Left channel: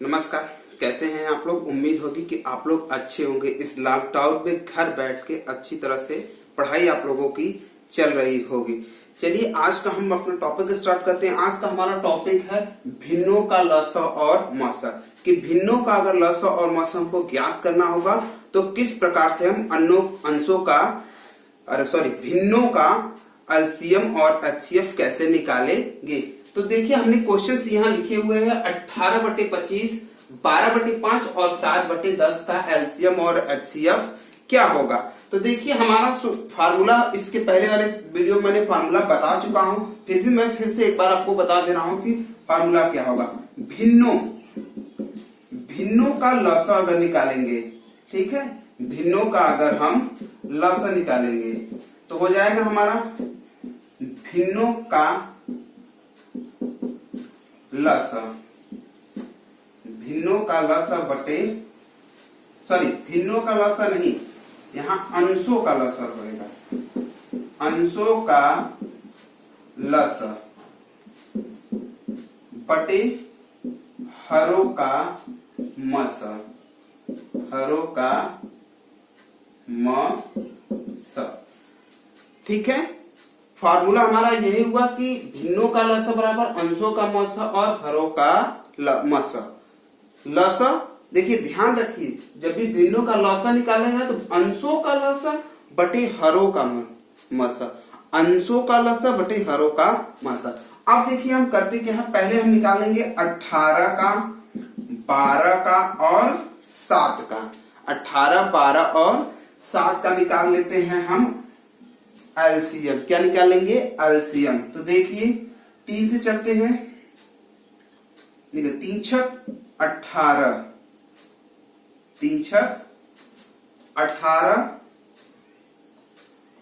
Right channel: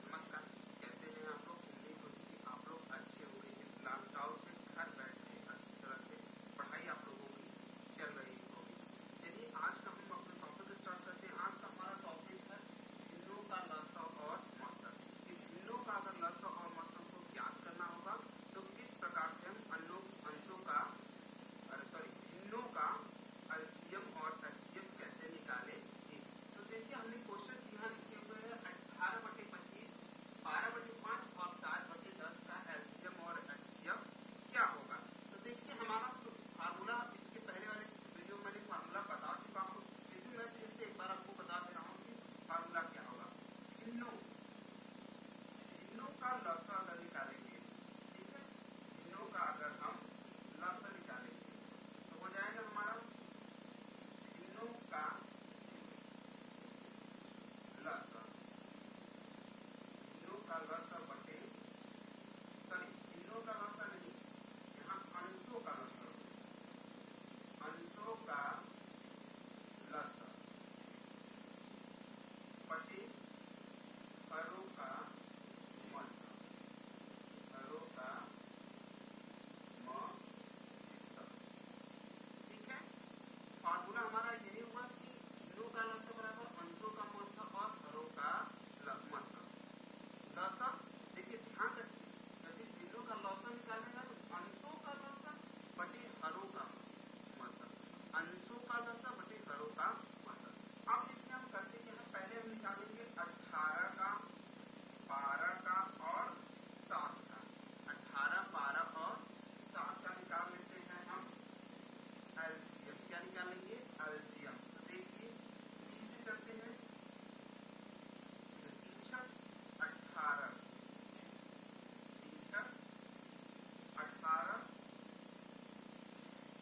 नमस्कार। कैसे हैं आप लोग। उम्मीद होगी कि आप लोग अच्छे होंगे। इस लॉकडाउन में घर बैठ के अच्छी तरह से पढ़ाई आप लोगों की चल रही होगी। चलिए आज का हम अपना टॉपिक स्टार्ट करते हैं। आज का हमारा टॉपिक है भिन्नों का लसा और मसा। कि भिन्नों का अगर लसा और मसा हमको ज्ञात करना होगा तो किस प्रकार से हम भिन्नों का एलसीएम और एचसीएफ कैसे निकालेंगे। तो देखिए हमने क्वेश्चंस यहाँ लिखे हुए हैं 18/25, 12/5 और 7/10 का एलसीएम और एचसीएफ क्या होगा। तो देखिए हमारा फार्मूला, इसके पहले वाले वीडियो में मैंने फार्मूला बता चुका हूं, फिर भी मैं फिर से एक बार आपको बता दे रहा हूं कि फार्मूला क्या होगा। भिन्नों का लसा अगर निकालेंगे, ठीक है, भिन्नों का अगर हम लसा निकालेंगे तो हो जाएगा हमारा भिन्नों का लसा, भिन्नों का लसा भिन्नों का लसा नहीं, यहाँ अंशों का लसा रहेगा। अंशों का लसा बटे हरों का मसा, हरों का मसा। ठीक है, फार्मूला हमारा यही हुआ कि भिन्नों का लसा बराबर अंशों का मसा और हरों का मसा। लसा देखिए ध्यान रखिए, जब भी भिन्नों का लसा निकालेंगे तो अंशों का लसा बटे हरों का मसा, अंशों का लसा बटे हरों का मसा। अब देखिए हम करते क्या है, पहले हम निकालेंगे 18 का, 12 का और 7 का। 18, 12 और 7 का निकाल लेते हैं हम एलसीएम। क्या निकालेंगे? एलसीएम। तो देखिए 3 से चलते हैं, 3 छक 18, 3 छक 18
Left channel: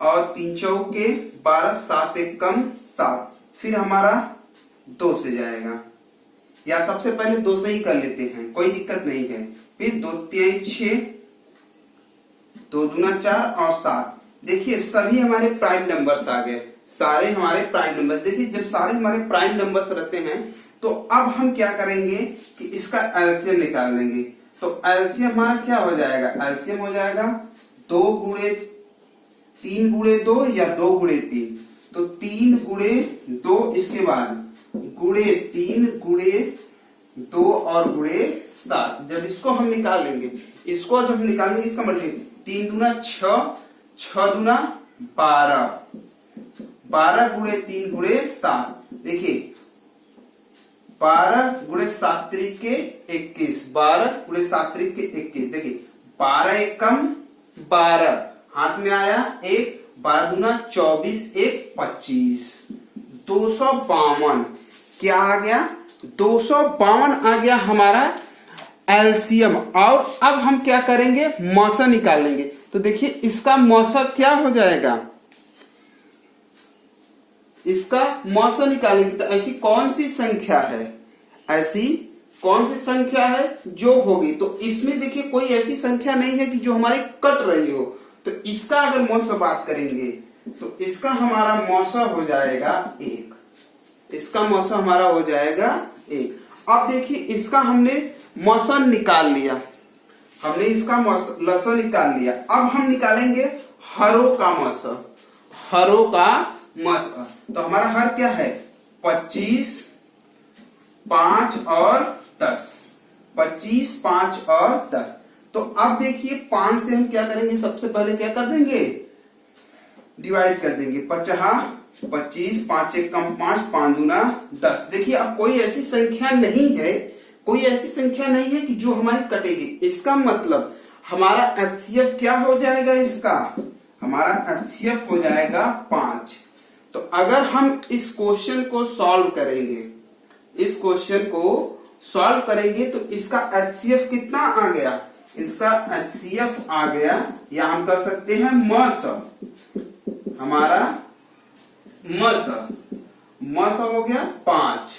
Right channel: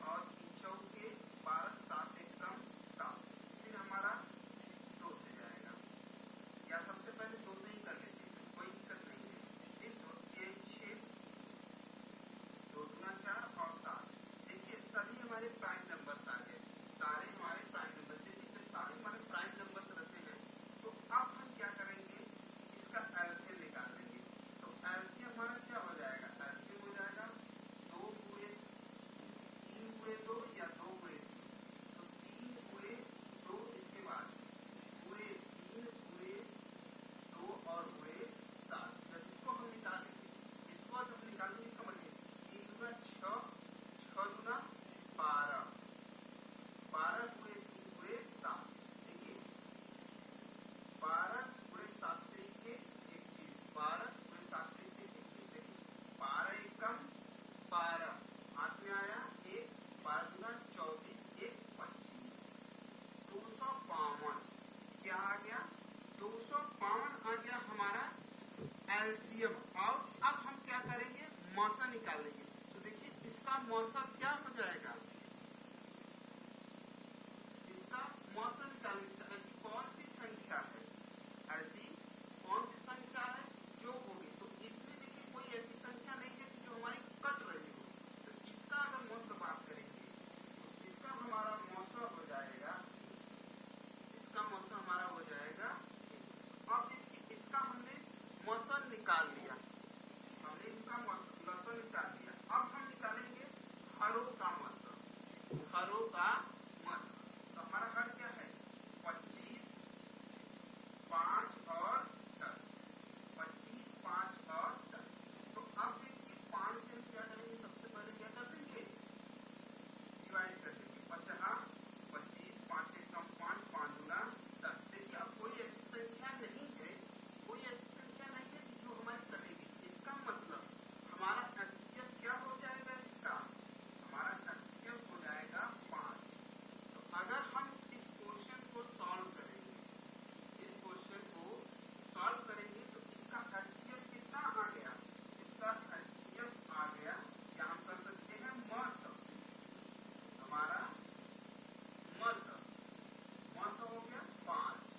और 3 चौके 12, 7 एक कम 7, फिर हमारा 2 से जाएगा, या सबसे पहले 2 से ही कर लेते हैं, कोई दिक्कत नहीं है। फिर 2 3 6, 2 दूना 4 और 7। देखिए सभी हमारे प्राइम नंबर्स आ गए, सारे हमारे प्राइम नंबर्स। देखिए जब सारे हमारे प्राइम नंबर्स रहते हैं तो अब हम क्या करेंगे कि इसका एलसीएम निकाल लेंगे। तो एलसीएम हमारा क्या हो जाएगा? एलसीएम हो जाएगा 3 गुणे 2 या 2 गुणे 3। तो 3 गुणे 2, इसके बाद गुणे 3 गुणे 2 और गुणे 7। जब इसको हम निकालेंगे, इसको जब हम निकालेंगे, इसका मतलब 3 दूना 6, 6 दूना 12, 12 गुणे 3 गुणे 7। देखिए 12 गुणे 7 त्रिके 21, 12 गुणे 7 त्रिके 21। देखिए 12 एक कम 12, हाथ में आया 1, 12 दूना 24, 1 25, 252। क्या आ गया? 252 आ गया हमारा एलसीएम। और अब हम क्या करेंगे? मसा निकालेंगे। तो देखिए इसका मसा क्या हो जाएगा? इसका मसा निकालेंगे तो ऐसी कौन सी संख्या है, ऐसी कौन सी संख्या है जो होगी। तो इसमें देखिए कोई ऐसी संख्या नहीं है कि जो हमारी कट रही हो। तो इसका अगर मौसा बात करेंगे तो इसका हमारा मौसा हो जाएगा 1, इसका मौसा हमारा हो जाएगा 1। अब देखिए इसका हमने मौसा निकाल लिया, हमने इसका लसा निकाल लिया। अब हम निकालेंगे हरों का मसा, हरों का मसा। तो हमारा हर क्या है? 25, 5 और 10, 25, 5 और 10। तो अब देखिए 5 से हम क्या करेंगे? सबसे पहले क्या कर देंगे? डिवाइड कर देंगे। 50, 25, 5 एक कम 5, 5 दूना 10। देखिए अब कोई ऐसी संख्या नहीं है, कोई ऐसी संख्या नहीं है कि जो हमारी कटेगी। इसका मतलब हमारा एचसीएफ क्या हो जाएगा? इसका हमारा एचसीएफ हो जाएगा 5। तो अगर हम इस क्वेश्चन को सॉल्व करेंगे, इस क्वेश्चन को सॉल्व करेंगे तो इसका एचसीएफ कितना आ गया? इसका एचसीएफ आ गया, या हम कर सकते हैं मसा, हमारा मसा हो गया 5।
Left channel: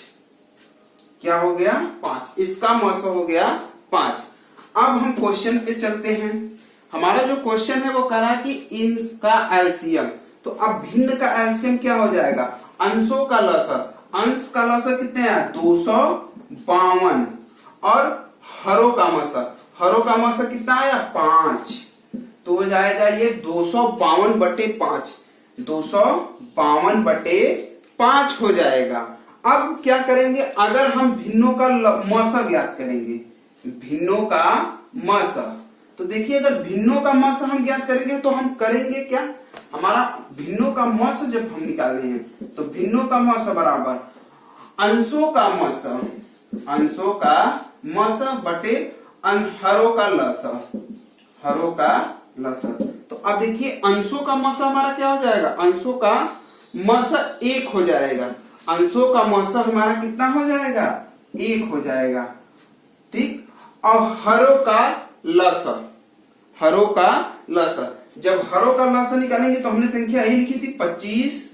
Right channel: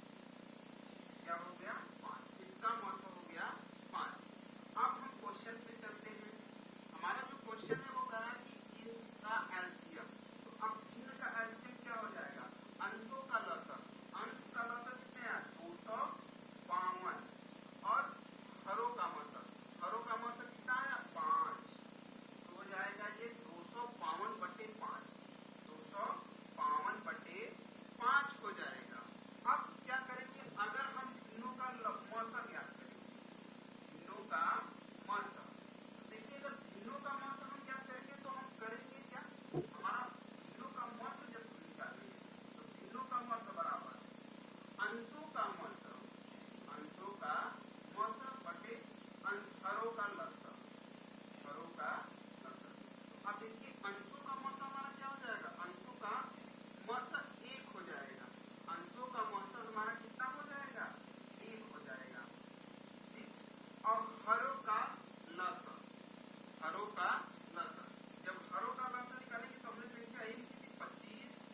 क्या हो गया? 5। इसका मसा हो गया 5। अब हम क्वेश्चन पे चलते हैं। हमारा जो क्वेश्चन है वो कह रहा है कि इनका एलसीएम। तो अब भिन्न का एलसीएम क्या हो जाएगा? अंशों का लसा, अंश का लसा कितने हैं? 252 और मसा, हरो का मसा कितना आया 5, तो हो जाएगा ये 252/5, 252/5 हो जाएगा। अब क्या करेंगे, अगर हम भिन्नों का मसा ज्ञात करेंगे, भिन्नों का मसा, तो देखिए अगर भिन्नों का मसा हम ज्ञात करेंगे तो हम करेंगे क्या, हमारा भिन्नों का मसा जब हम निकालने हैं तो भिन्नों का मसा बराबर अंशों का मसा, अंशों का मसा बटे हरों का लसा, हरों का लसा। तो अब देखिए अंशों का मसा हमारा क्या हो जाएगा, अंशों का मसा 1 हो जाएगा, अंशों का मसा हमारा कितना हो जाएगा 1 हो जाएगा, ठीक। और हरों का लसा, हरों का लसा, जब हरों का लसा निकालेंगे तो हमने संख्या यही लिखी थी 25,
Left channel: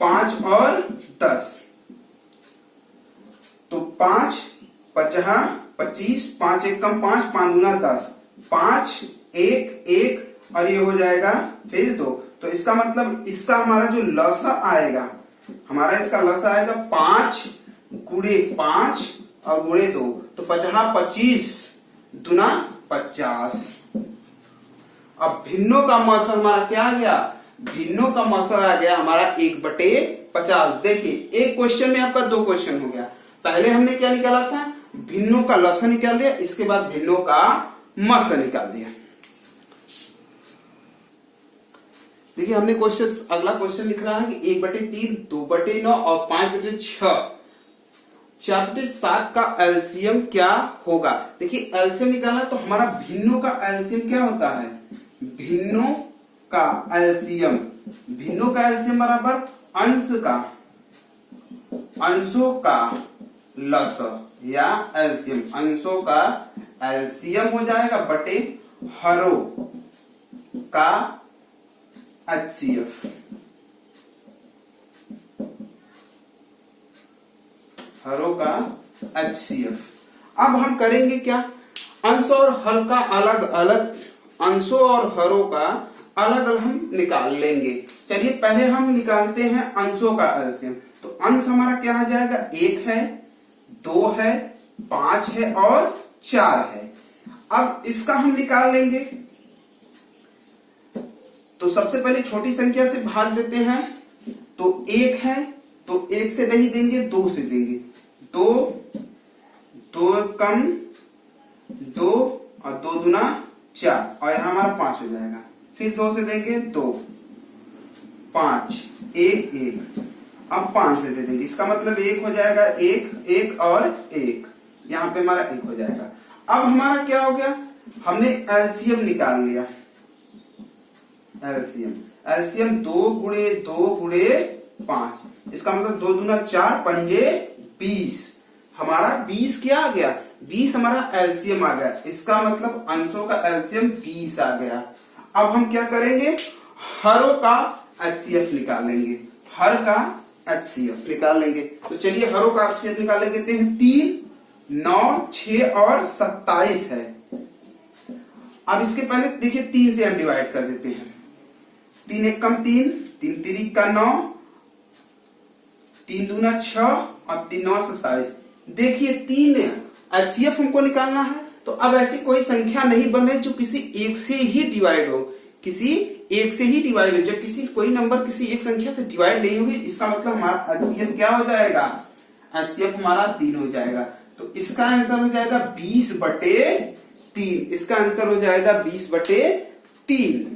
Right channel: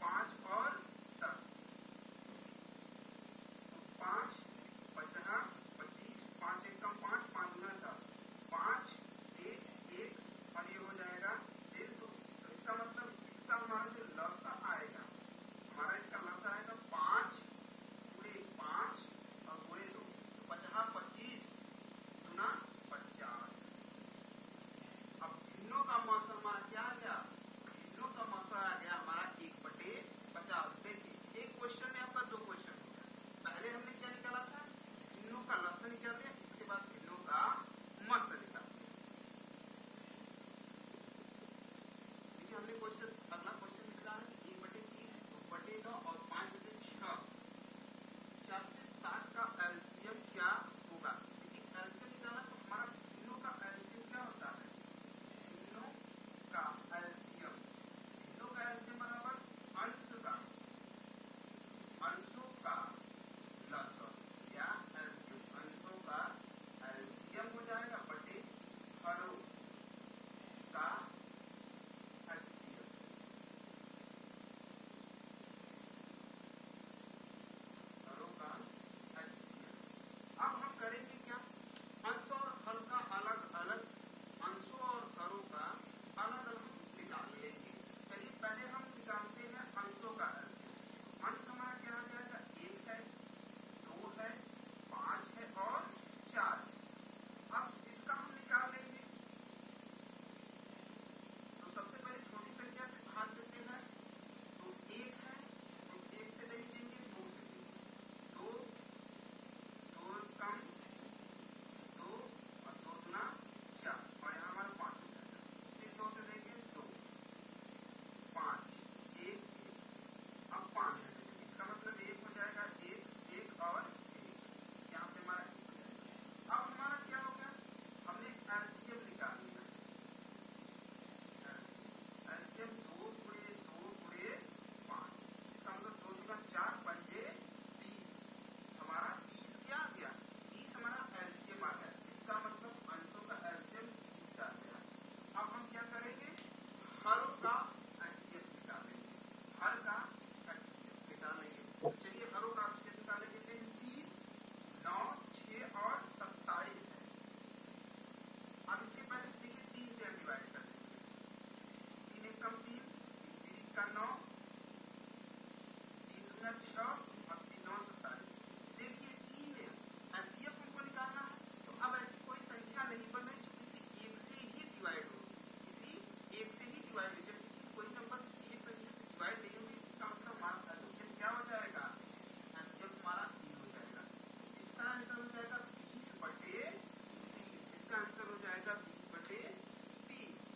5 और 10, तो 5 50 25, 5 1 कम 5, 5 दूना 10, 5 1 1 और ये हो जाएगा फिर 2, तो इसका मतलब इसका हमारा जो लसा आएगा, हमारा इसका लसा आएगा 5 गुणे 5 और गुणे 2, तो 50 25 दूना 50। अब भिन्नों का मसा हमारा क्या आ गया, भिन्नों का मसा आ गया हमारा 1/50। देखिए एक क्वेश्चन में आपका 2 क्वेश्चन हो गया, पहले हमने क्या निकाला था, भिन्नों का लसा निकाल दिया, इसके बाद भिन्नों का मसा निकाल दिया। देखिए हमने क्वेश्चन, अगला क्वेश्चन लिख रहा है कि 1/3, 2/9 और 5/6, 4/7 का एलसीएम क्या होगा। देखिए एलसीएम निकालना तो हमारा भिन्नों का एलसीएम क्या होता है, भिन्नों का एलसीएम, भिन्नों का एलसीएम बराबर अंश का, अंशों का लसा या एलसीएम, अंशों का एलसीएम हो जाएगा बटे हरों का एचसीएफ, हरों का एचसीएफ। अब हम करेंगे क्या, अंश और हर का अलग अलग, अंशों और हरों का अलग अलग हम निकाल लेंगे। चलिए पहले हम निकालते हैं अंशों का एलसीएम, तो अंश हमारा क्या आ जाएगा, 1 है, 2 है, 5 है और 4 है। अब इसका हम निकाल लेंगे, तो सबसे पहले छोटी संख्या से भाग देते हैं, तो 1 है तो 1 से नहीं देंगे 2 से देंगे, 2 2 कम 2 और 2 दूना 4 और यहां हमारा 5 हो जाएगा, फिर 2 से देंगे 2, 5 1 1, अब 5 से दे देंगे, इसका मतलब 1 हो जाएगा, 1 1 और 1, यहाँ पे हमारा 1 हो जाएगा। अब हमारा क्या हो गया, हमने एलसीएम निकाल लिया, एलसीएम, एलसीएम 2 गुणे 2 गुणे 5, इसका मतलब 2 दूना 4 पंजे 20, हमारा 20 क्या आ गया, 20 हमारा एलसीएम आ गया, इसका मतलब अंशों का एलसीएम 20 आ गया। अब हम क्या करेंगे, हरों का एचसीएफ निकालेंगे, हर का एचसीएफ निकाल लेंगे। तो चलिए हरों का एचसीएफ निकाल लेंगे, 3 9 6 और 27 है। अब इसके पहले देखिए 3 से हम डिवाइड कर देते हैं, 3 1 कम 3, 3 3 का 9, 3 दूना 6 और 3 9 27। देखिए 3 एचसीएफ हमको निकालना है, तो अब ऐसी कोई संख्या नहीं बने जो किसी एक से ही डिवाइड हो, किसी एक से ही डिवाइड हो, जब किसी कोई नंबर किसी एक संख्या से डिवाइड नहीं होगी, इसका मतलब हमारा एचसीएफ क्या हो जाएगा, एचसीएफ हमारा 3 हो जाएगा। तो इसका आंसर हो जाएगा 20/3, इसका आंसर हो जाएगा 20/3।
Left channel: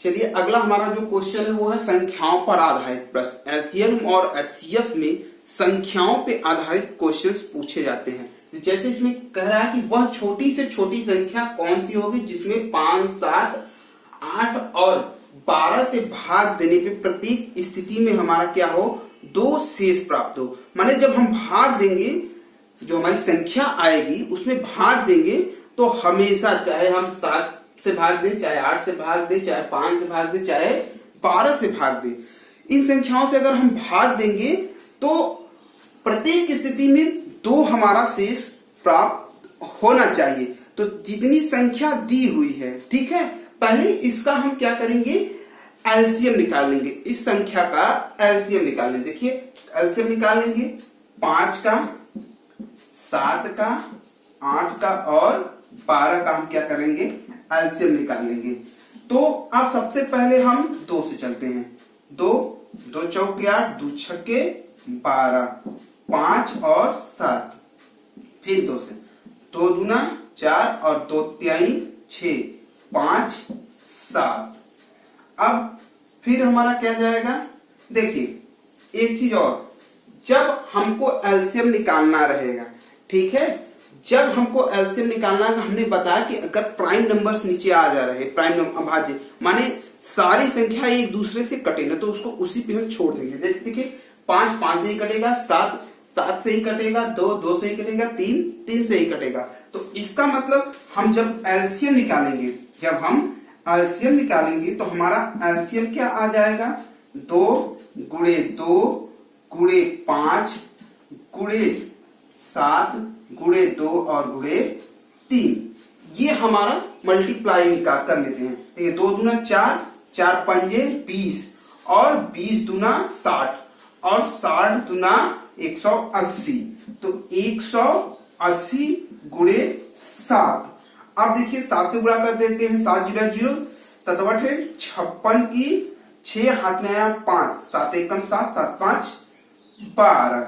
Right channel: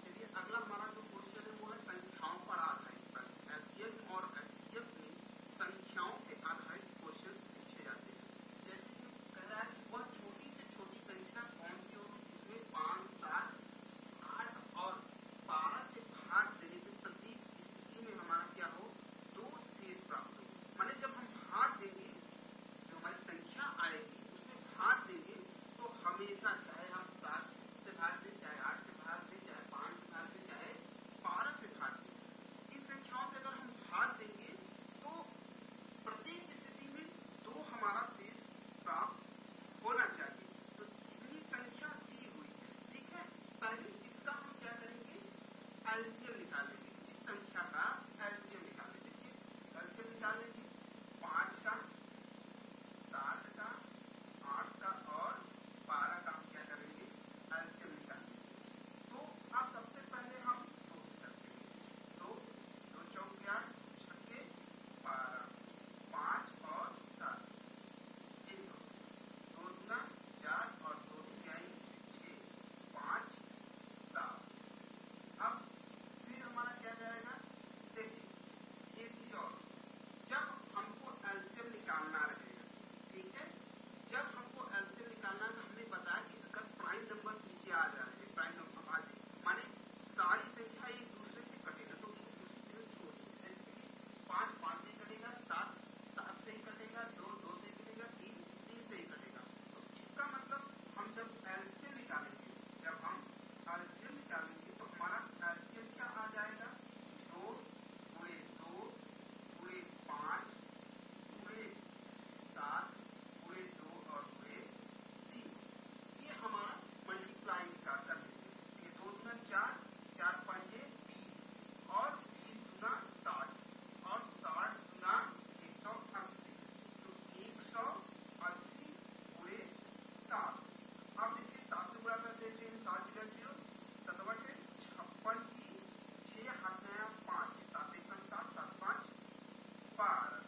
चलिए अगला हमारा जो क्वेश्चन है वो है संख्याओं पर आधारित प्रश्न। एलसीएम और एचसीएफ में संख्याओं पे आधारित क्वेश्चंस पूछे जाते हैं। जैसे इसमें कह रहा है कि वह छोटी से छोटी संख्या कौन सी होगी जिसमें 5 7 8 और 12 से भाग देने पे प्रत्येक स्थिति में हमारा क्या हो, 2 शेष प्राप्त हो। माने जब हम भाग देंगे, जो हमारी संख्या आएगी उसमें भाग देंगे तो हमेशा, चाहे हम 7 से भाग दे, चाहे 8 से भाग दे, चाहे 5 से भाग दे, चाहे 12 से भाग दे, इन संख्याओं से अगर हम भाग देंगे तो प्रत्येक स्थिति में 2 हमारा शेष प्राप्त होना चाहिए। तो जितनी संख्या दी हुई है, ठीक है, पहले इसका हम क्या करेंगे, एलसीएम निकाल लेंगे, इस संख्या का एलसीएम निकाल लेंगे। देखिए एलसीएम निकाल लेंगे 5 का, 7 का, 8 का और 12 का हम क्या करेंगे, एलसीएम निकालेंगे। तो अब सबसे पहले हम 2 से चलते हैं। 2 2 चौके 8, 2 छक्के 12, 5 और 7, फिर 2 से, 2 दूना 4 और 2 तिहाई 6, 5 7। अब फिर हमारा क्या जाएगा, देखिए एक चीज और, जब हमको एलसीएम निकालना रहेगा, ठीक है, जब हमको एलसीएम निकालना है, हमने बताया कि अगर प्राइम नंबर्स नीचे आ जा रहे, प्राइम अभाज्य माने सारी संख्या एक दूसरे से कटे ना, तो उसको उसी पे हम छोड़ देंगे। जैसे देखिए 5 5 से ही कटेगा, 7 7 से ही कटेगा, 2 2 से ही कटेगा, 3 3 से ही कटेगा। तो इसका मतलब हम जब एलसीएम निकालेंगे, जब हम एलसीएम निकालेंगे तो हमारा एलसीएम क्या आ जाएगा, 2 गुणे 2 गुणे 5 गुणे 7 गुणे 2 और गुणे 3। ये हमारा मल्टीप्लाई निकाल कर लेते हैं। ठीक है, 2 दूना 4, 4 पंजे 20 और 20 दूना 60 और 60 दूना 180। तो 180 गुणे 7। अब देखिए 7 से गुणा कर देते हैं, 7 जीरो 0, 7 8 56 की 6 हाथ में आया 5, 7 1 7, 7 5 12।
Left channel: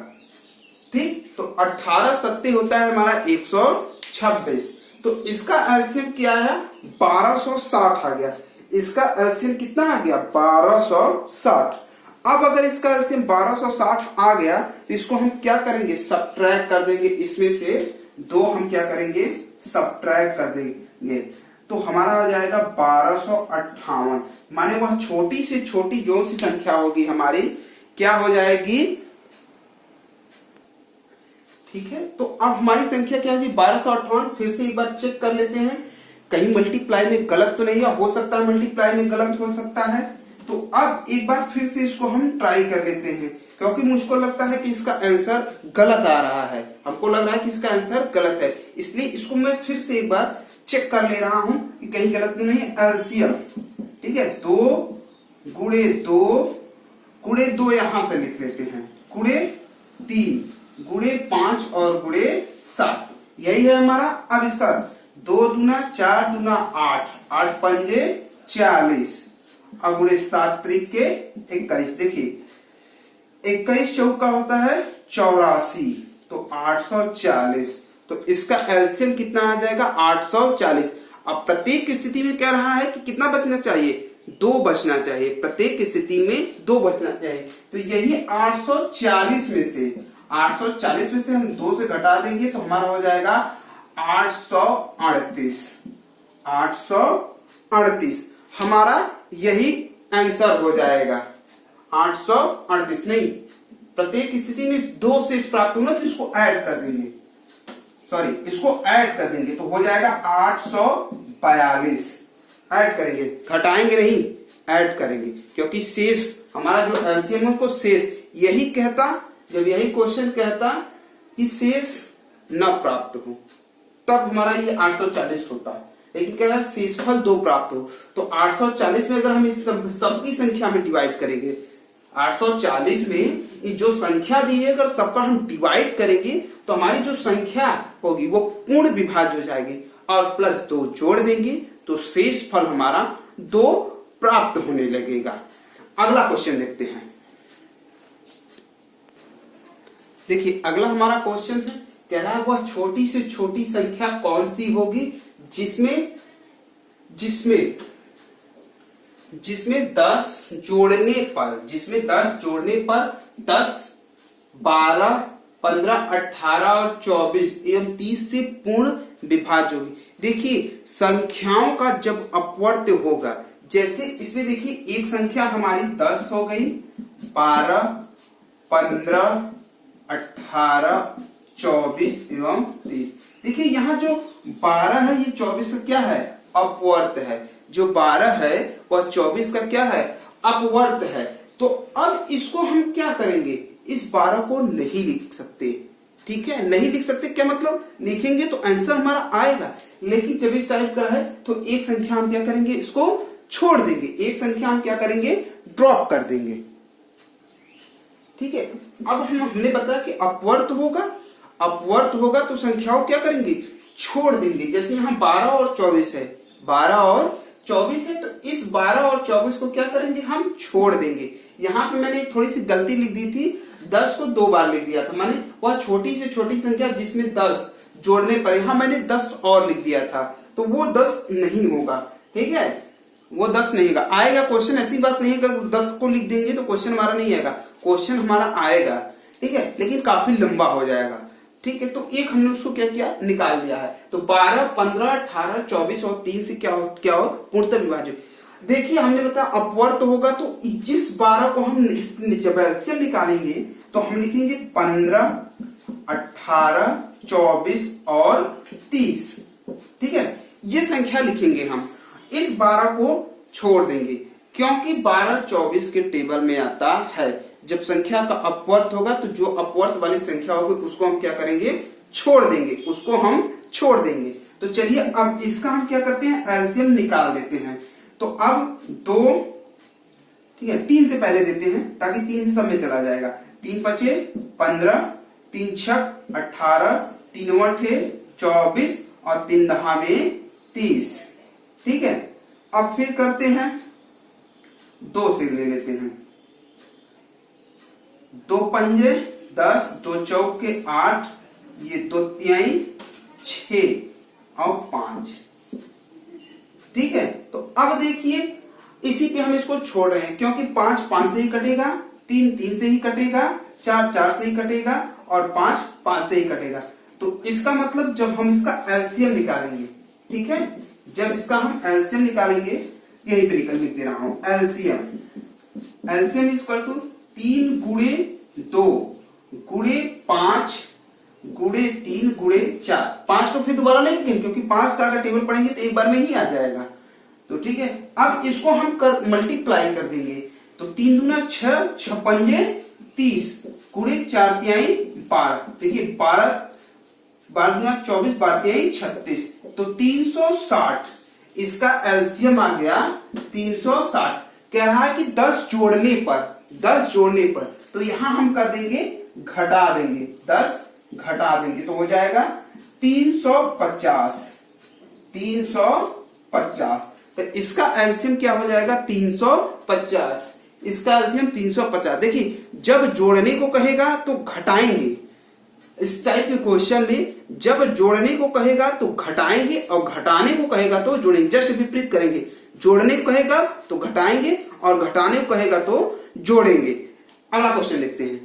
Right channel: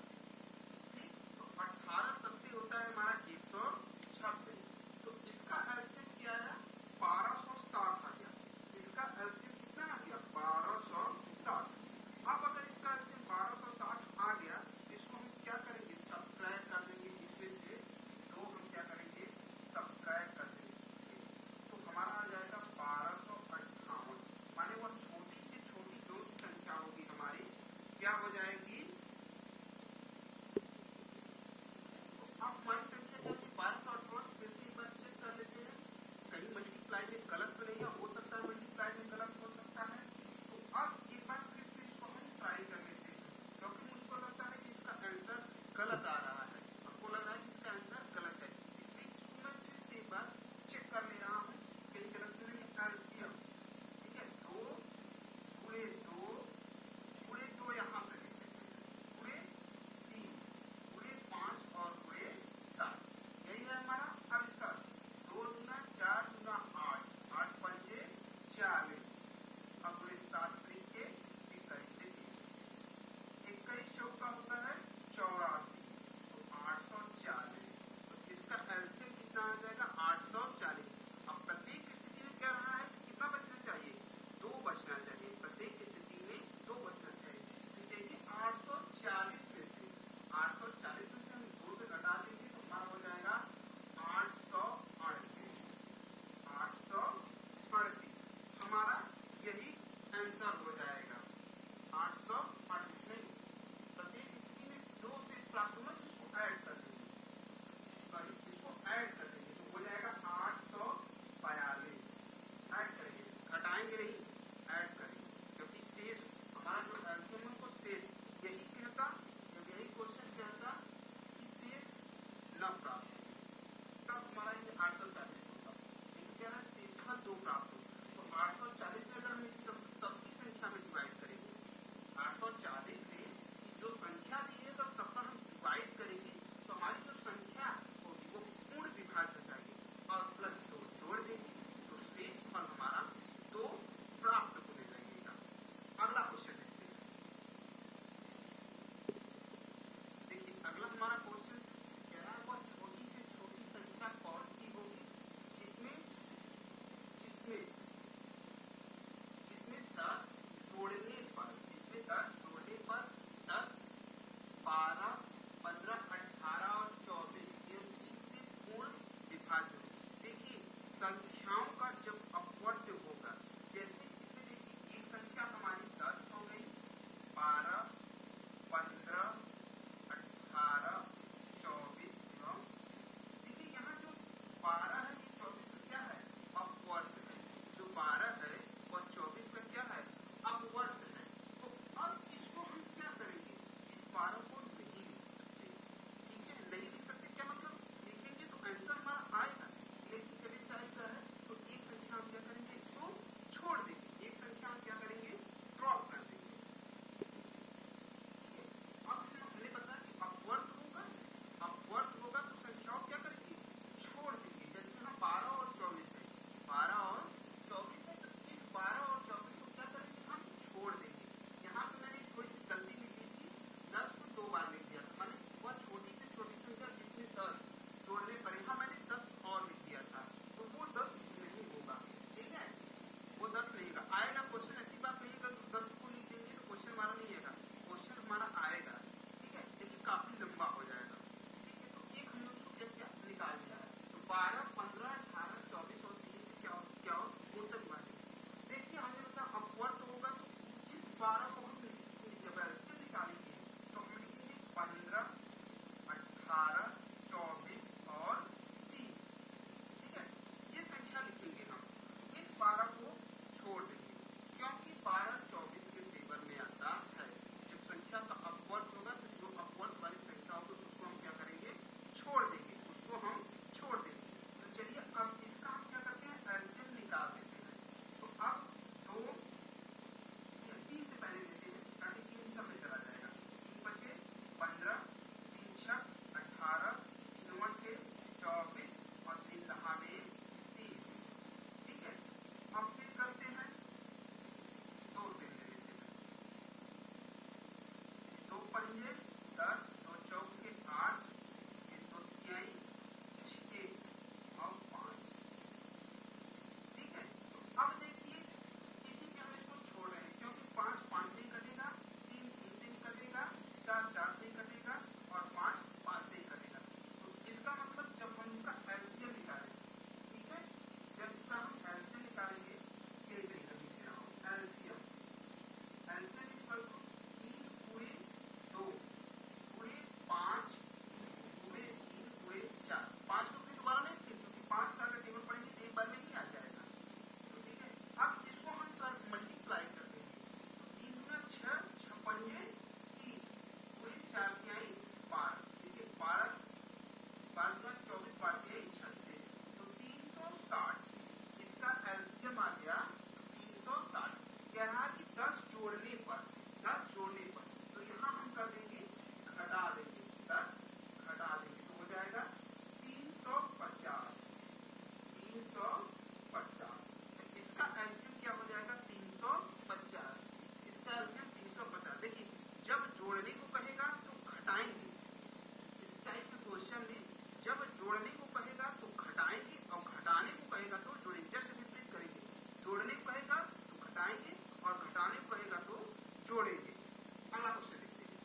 ठीक, तो 18 सत्ते होता है हमारा 126। तो इसका एलसीएम क्या आया, 1260 आ गया। इसका एलसीएम कितना आ गया, 1260। अब अगर इसका एलसीएम 1260 आ गया तो इसको हम क्या करेंगे, सब्ट्रैक्ट कर देंगे, इसमें से 2 हम क्या करेंगे, सब्ट्रैक्ट कर देंगे। तो हमारा आ जाएगा 1258। माने वह छोटी से छोटी जो सी संख्या होगी हमारी क्या हो जाएगी, ठीक है। तो अब हमारी संख्या क्या है, 1258। फिर से एक बार चेक कर लेते हैं कहीं मल्टीप्लाई में गलत तो नहीं है, हो सकता है मल्टीप्लाई में गलत हो सकता है। तो अब एक बार फिर से इसको हम ट्राई कर लेते हैं, क्योंकि मुझको लगता है कि इसका आंसर गलत आ रहा है, हमको लग रहा है कि इसका आंसर गलत है, इसलिए इसको मैं फिर से एक बार चेक कर ले रहा हूं कि कहीं गलत तो नहीं है। एलसीएम, ठीक है, 2 गुणे 2 गुणे 2 यहां से लिख लेते हैं, गुणे 3 गुणे 5 और गुणे 7, यही है हमारा। अब इसका 2 दूना 4 दूना 8, 8 पंजे 40 और गुणे 7 त्रिके 21। देखिए 21 चौका होता है 84, तो 840। तो इसका एलसीएम कितना आ जाएगा, 840। अब प्रत्येक स्थिति में क्या रहा है कि कितना बचना चाहिए, 2 बचना चाहिए, प्रत्येक स्थिति में 2 बचना चाहिए। तो यही 840 में से, 840 में से हम 2 से घटा देंगे तो हमारा हो जाएगा 838। 838 हमारा यही आंसर हो जाएगा, 838 नहीं, प्रत्येक स्थिति में 2 से प्राप्त होना, तो इसको ऐड कर देंगे, सॉरी इसको ऐड कर देंगे तो हो जाएगा 842। ऐड करेंगे, घटाएंगे नहीं, ऐड करेंगे, क्योंकि शेष हमारा जो एलसीएम है उसको शेष, यही कहता, जब यही क्वेश्चन कहता कि शेष न प्राप्त हो तब हमारा ये 840 होता, लेकिन कह रहा है शेषफल 2 प्राप्त हो। तो 840 में अगर हम इस सबकी संख्या में डिवाइड करेंगे, 840 में ये जो संख्या दी है अगर सबका हम डिवाइड करेंगे तो हमारी जो संख्या होगी वो पूर्ण विभाज्य हो जाएगी, और प्लस 2 जोड़ देंगे तो शेष फल हमारा 2 प्राप्त होने लगेगा। अगला क्वेश्चन देखते हैं। देखिए अगला हमारा क्वेश्चन है, कह रहा है वह छोटी से छोटी संख्या कौन सी होगी जिसमें जिसमें जिसमें 10 जोड़ने पर 10 12 15 18 और 24 एवं 30 से पूर्ण विभाज्य होगी। देखिए संख्याओं का जब अपवर्त होगा, जैसे इसमें देखिए एक संख्या हमारी 10 हो गई, 12 15 18 24 एवं 30। देखिए यहाँ जो 12 है ये 24 का क्या है, अपवर्त है, जो 12 है वह 24 का क्या है, अपवर्त है। तो अब इसको हम क्या करेंगे, इस 12 को नहीं लिख सकते, ठीक है, नहीं लिख सकते, क्या मतलब, लिखेंगे तो आंसर हमारा आएगा, लेकिन जब इस टाइप का है तो एक संख्या हम क्या करेंगे, इसको छोड़ देंगे, एक संख्या हम क्या करेंगे, ड्रॉप कर देंगे। ठीक है। अब हमने बताया कि अपवर्त होगा तो संख्याओं क्या करेंगे, छोड़ देंगे। जैसे यहाँ 12 और 24 है, 12 और 24 है, तो इस 12 और 24 को क्या करेंगे, हम छोड़ देंगे। यहाँ पे मैंने थोड़ी सी गलती लिख दी थी, 10 को 2 बार लिख दिया था, माने वह छोटी से छोटी संख्या जिसमें 10 जोड़ने पर, यहाँ मैंने 10 और लिख दिया था, तो वो 10 नहीं होगा। ठीक है, वो 10 नहीं होगा। आएगा क्वेश्चन, ऐसी बात नहीं है कि 10 को लिख देंगे तो क्वेश्चन हमारा नहीं आएगा, क्वेश्चन हमारा आएगा। ठीक है, लेकिन काफी लंबा हो जाएगा। ठीक है, तो एक हमने उसको क्या किया, निकाल लिया है। तो 12, 15, 18, 24 और 3 से क्या हो पूर्णतः विभाज्य। देखिए हमने बताया अपवर्त होगा, तो जिस 12 को हम जब एलसीएम निकालेंगे तो हम लिखेंगे 15, 18, 24 और 30। ठीक है, ये संख्या लिखेंगे हम। इस 12 को छोड़ देंगे क्योंकि 12 24 के टेबल में आता है। जब संख्या का अपवर्त होगा तो जो अपवर्त वाली संख्या होगी उसको हम क्या करेंगे, छोड़ देंगे, उसको हम छोड़ देंगे। तो चलिए अब इसका हम क्या करते हैं, एलसीएम निकाल देते हैं। तो अब 2, ठीक है, 3 से पहले देते हैं ताकि 3 से सब में चला जाएगा। 3 पचे 15, 3 छक 18, 3 अठे 24 और 3 दहा में 30। ठीक है, अब फिर करते हैं 2 से ले लेते हैं। 2 पंजे 10, 2 चौके 8, ये 2 तिहाई 6 और 5। ठीक है, तो अब देखिए इसी पे हम इसको छोड़ रहे हैं क्योंकि 5 5 से ही कटेगा, 3 3 से ही कटेगा, 4 4 से ही कटेगा और 5 5 से ही कटेगा। तो इसका मतलब जब हम इसका एलसीएम निकालेंगे, ठीक है, जब इसका हम एलसीएम निकालेंगे, यही पे निकल लिख दे रहा हूं, एलसीएम इक्वल टू 3 गुणे 2 गुणे 5 गुणे 3 गुणे 4। 5 को फिर दोबारा नहीं लिखेंगे क्योंकि 5 का अगर टेबल पढ़ेंगे तो एक बार में ही आ जाएगा। तो ठीक है, अब इसको हम मल्टीप्लाई कर देंगे। तो 3 दूना 6, 6 पंजे 30 गुणे 4 तिहाई 12। देखिए 12 दूना 24, 12 तिहाई 36, तो 360। इसका एलसीएम आ गया 360। कह रहा है कि 10 जोड़ने पर, तो यहां हम कर देंगे, घटा देंगे, 10 घटा देंगे तो हो जाएगा 350। तो इसका एलसीएम क्या हो जाएगा, 350। इसका एलसीएम 350। देखिए जब जोड़ने को कहेगा तो घटाएंगे। इस टाइप के क्वेश्चन में जब जोड़ने को कहेगा तो घटाएंगे और घटाने को कहेगा तो जोड़ेंगे, जस्ट विपरीत करेंगे। जोड़ने को कहेगा तो घटाएंगे और घटाने को कहेगा तो जोड़ेंगे। अगला क्वेश्चन लिखते हैं।